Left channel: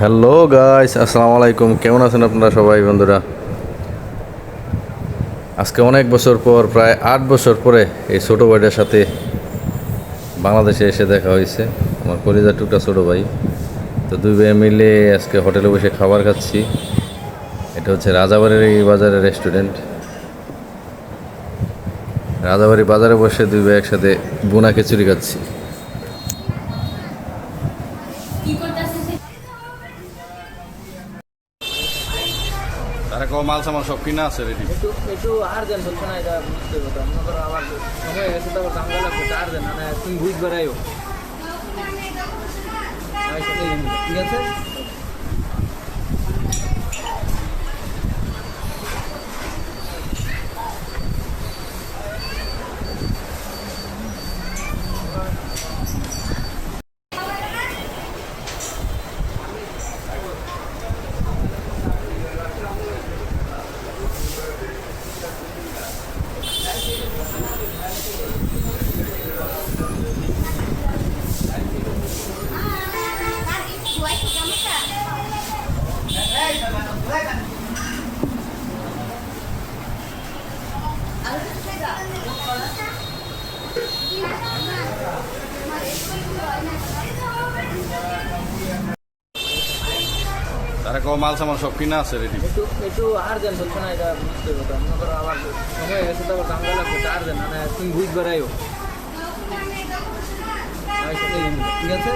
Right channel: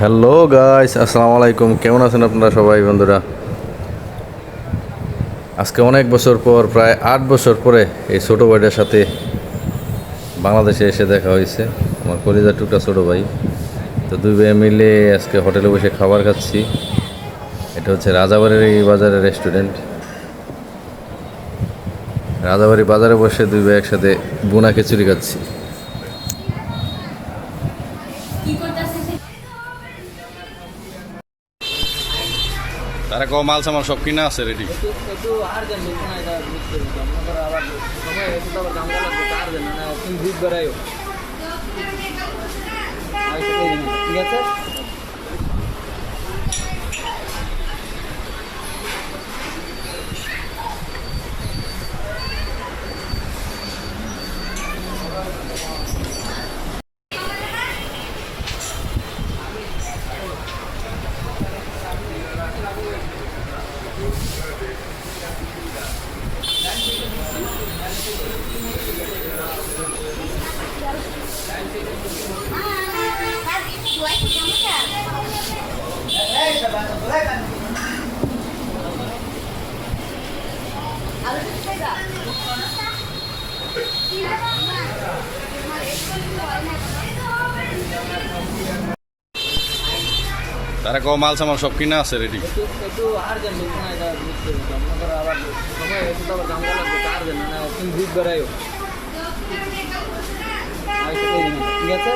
Hello guys, আসসালামু আলাইকুম। কেমন আছেন আপনারা সবাই বন্ধুরা? আজকে অনেক বছর পর, প্রায় 8 বছর পরে এই ছোটো ভাইটার সাথে বাংলাদেশে এসে দেখা হয়েছে। আমার কলিজার টুকটা ছোটো ভাই। তো দুই ভাই মিলে আজকে হোটেলে বসে খাবার খাচ্ছি। এটা হচ্ছে রাজাবাড়ির বাজারের রেস্টুরেন্ট। রাজাবাড়ি বাজারে বসে দুই ভাই একসাথে বোনা খিচুড়ি খাচ্ছি। তারা কম মাল সামাল সব কিনা আছে রেডি। একটু একটু আর্জেন্ট বলছো না, এটা বুঝতে হবে। মনে করো আবার সময় একটু তো আবার দাম লাগবে, আর্জেন্ট মানে তুমি বুঝ বেড়াইও। ঠিক আছে। তারা কম মাল সামাল সব কিনা আছে রেডি। একটু একটু আর্জেন্ট বলছো না, এটা বুঝতে হবে। মনে করো আবার সময় একটু তো আবার দাম লাগবে, আর্জেন্ট মানে তুমি বুঝ বেড়াইও। ঠিক আছে।